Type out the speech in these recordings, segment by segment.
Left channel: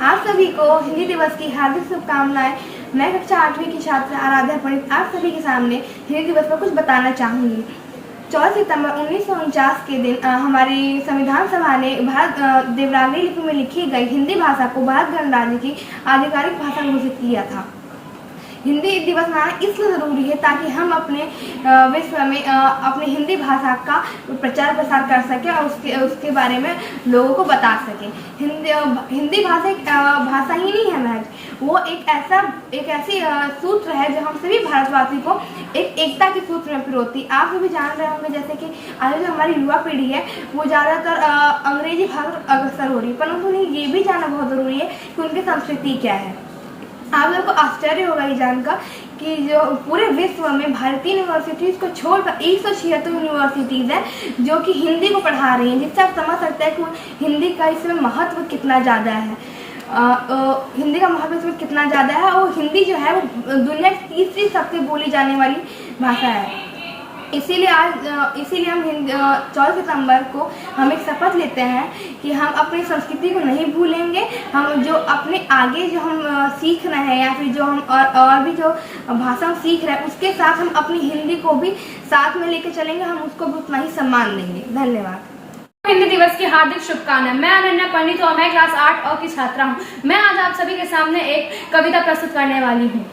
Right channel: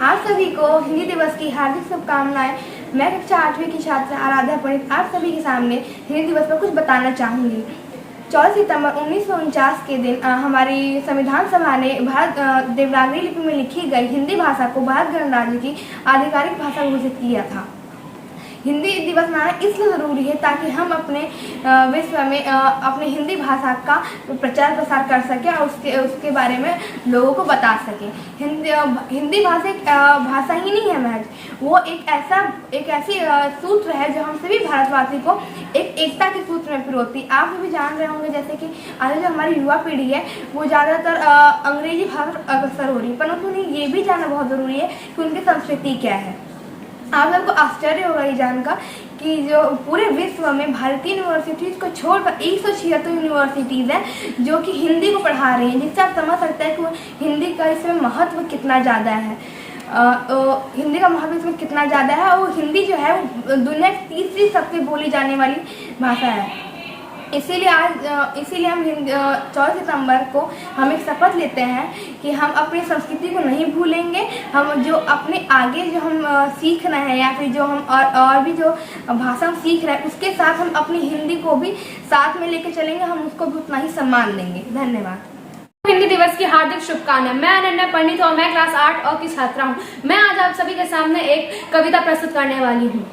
आप सभी को हिंदी दिवस की हार्दिक शुभकामनाएं। मैं कक्षा 8वीं की छात्रा आराध्या पंडित आप सभी के सामने हिंदी दिवस पर कुछ बताना चाहूँगी। 14 सितंबर 1949 के दिन हमारी संविधान सभा ने देवनागरी लिपि में लिखी गई हिंदी भाषा को भारत गणराज्य की आधिकारिक भाषा घोषित किया था। हिंदी दिवस मनाना इसलिए ज़रूरी है ताकि हम अपने विश्व में अपने हिंदी भाषा का प्रचार प्रसार कर सकें और उसके बारे में लोगों को बता सकें। हिंदी भाषा एक भाषा ही नहीं है महज, वो एक ऐसी सूत्र है जो हम सभी भारतवासी को एक एकता के सूत्र में पिरोती। आप सभी जान रहे होंगे जैसे कि आज जो हमारी युवा पीढ़ी है वो ज़्यादातर अंग्रेजी भाषा अग्रसर हो रही है, परंतु उन्हें ये भी जानना बहुत ज़रूरी है कि उनकी संस्कृति क्या है। आप लोग को आश्चर्य होगा ये जानकर कि जो पूरे विश्व में भारतीय यूनिवर्सिटीज़ को छोड़कर 176 यूनिवर्सिटीज़ हैं जो कि हिंदी को पढ़ा रही हैं, जिससे आप समझ सकते हैं कि हिंदी का इसमें महत्व कितना ज़्यादा है। हिंदी का महत्व इसमें कितना ज़्यादा है और हिंदी जो है वो दुनिया की तीसरी सबसे बोली जाने वाली भाषा है। इसीलिए हम 14 सितंबर को हम एक शपथ लेते हैं कि हम अपनी संस्कृति को नहीं भूलेंगे। हम जो अपने आगे जो हम सीख रहे हैं या फिर जो हम और भी जो भाषा हम सीख रहे हैं उसके साथ हम अपनी हिंदी को भी साथ में लेकर चलेंगे, हम उसको भी उतना ही सम्मान देंगे। धन्यवाद। हिंदी दिवस की हार्दिक शुभकामनाएं। मैं अनन्या पंडित और मैं क्लास 8 अ की छात्रा हूँ। मैं आज आप सभी के सामने एक कविता प्रस्तुत करने वाली हूँ।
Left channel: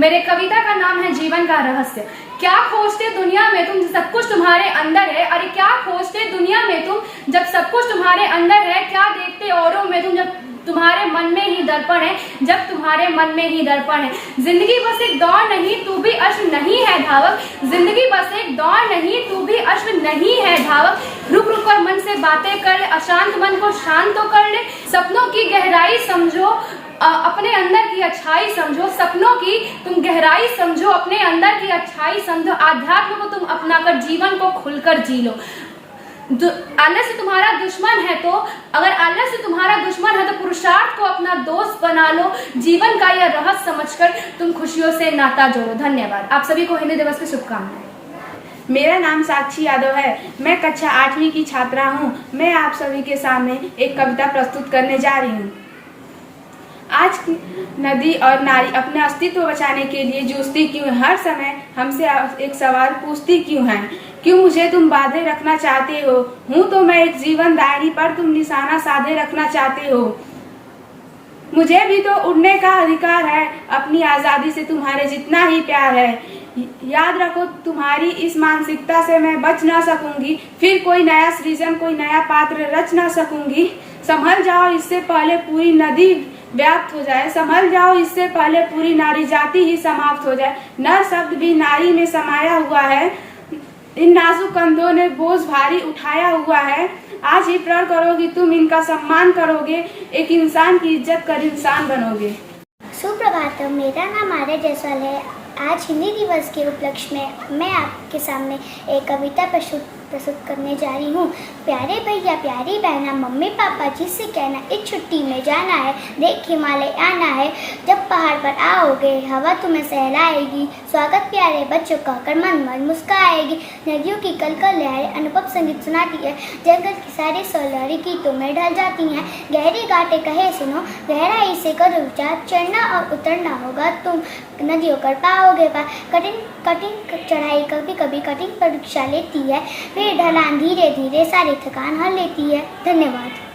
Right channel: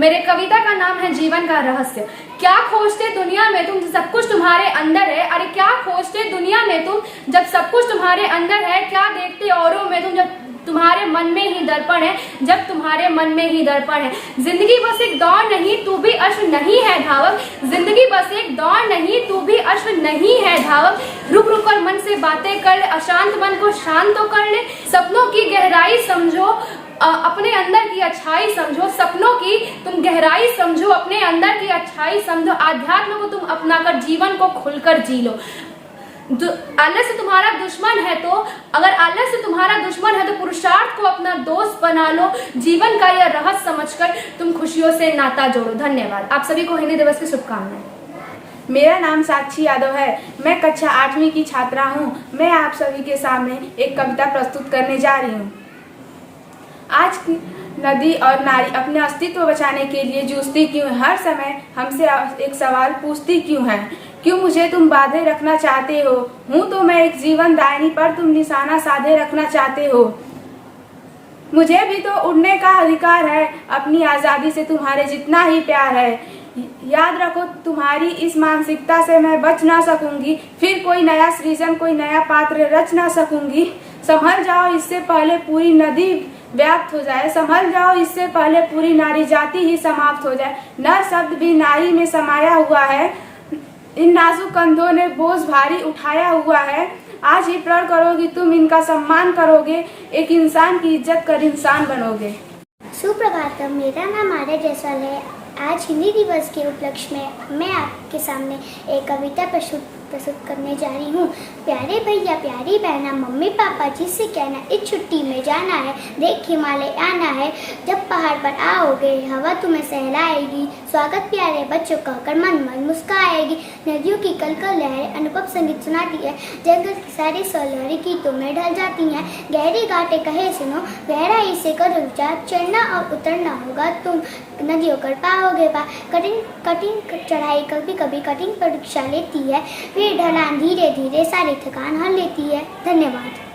मेरे कविता का नाम है जीवन का रहस्य। क्या खोजते दुनिया में तुम, सब कुछ तुम्हारे अंदर है। अरे क्या खोजते दुनिया में तुम, जब सब कुछ तुम्हारे अंदर है। क्या देखते औरों में तुम, जब तुम्हारे मन में ही दर्पण है। जब तुम्हारे मन में ही दर्पण है। जिंदगी बस एक दौड़ नहीं, तू भी अश्व नहीं है धावक। जिंदगी बस एक दौड़ नहीं, तू भी अश्व नहीं है धावक। रुक रुक कर मन से बातें कर, अशांत मन को शांत तो कर ले। सपनों की गहराई समझो, अपने अंदर की अच्छाई समझो। सपनों की तुम गहराई समझो, अपने अंदर की अच्छाई समझो। आध्यात्म को तुम अपनाकर जीवन को खुलकर जी लो। आलस्य तुम्हारा दुश्मन है तो, अगर आलस्य तुम्हारा दुश्मन है तो पुरुषार्थ को अपना दोस्त बना लो। जीवन का यह रहस्य समझकर तुम खुशियों से नाता जोड़ो। धन्यवाद। आप सभी को हिंदी दिवस की शुभकामनाएं। मेरा नाम साक्षी यादव है। मैं कक्षा 8वीं की छात्रा हूँ। मैं आप सभी के सामने एक कविता प्रस्तुत करने जा रही हूँ। आज की नदी और नारी अपने अस्तित्व बचाने के लिए जूझती क्यों है? हर समय हमसे एक सवाल पूछती क्यों है? क्यों मुझे तुम बांधे रखना चाहते हो? हूँ तो मैं एक जीवन दायनी पर तुम निशाना साधे रखना चाहते हो। मुझे भी तो उड़ने का अधिकार है, अपनी आज़ादी से तुम्हारे जितना ही प्यार है। याद रखो तुम्हारी इस मानसिकता से मैं बच ना सकूंगी, फिर कोई नया सृजन कोई नया पात्र रच ना सकूंगी। संभल जाओ इससे पहले पूरी नदी व्याप्त हो जाए। संभल जाओ इससे पहले पूरी नारी जाति ही समाप्त हो जाए। नर शब्द भी नारी में समाया हुआ है, इन नाजुक कंधों ने बोझ भारी उठाया हुआ है। आज ही प्रण करोगी तुम इनका सम्मान करोगे, एक इंसान की इज्जत कर इंसान बनोगे। सुप्रभात, मेरा नाम आर्या जायसवाल है। आज हिंदी दिवस के उपलक्ष्य में मैं आपके सामने एक कविता प्रस्तुत करने जा रही हूँ। प्यारे भैया प्यारी बहना, मम्मी पापा जी से कहना, इस छुट्टी में जाना है, देख हिमालय आना है। जब पहाड़ पर आओगे हवा तुम्हें सहलाएगी, स्वागत प्यारे बच्चों का कर मन मन मुस्काएगी। नदियों की कलकल लहरें अनुभव संगीत सुनाती है, जंगल की सारी सौलहरी गीतों में ढल जाती हैं। गहरी घाटे कहे सुनो, गहराई से करो विचार, चढ़ना और उतरना होगा तुम नदियों कर पाओगे पार। कठिन चढ़ाई कभी कभी कठिन परीक्षा लेती है, फिर ढलान धीरे धीरे सारी थकान हर लेती है। धन्यवाद।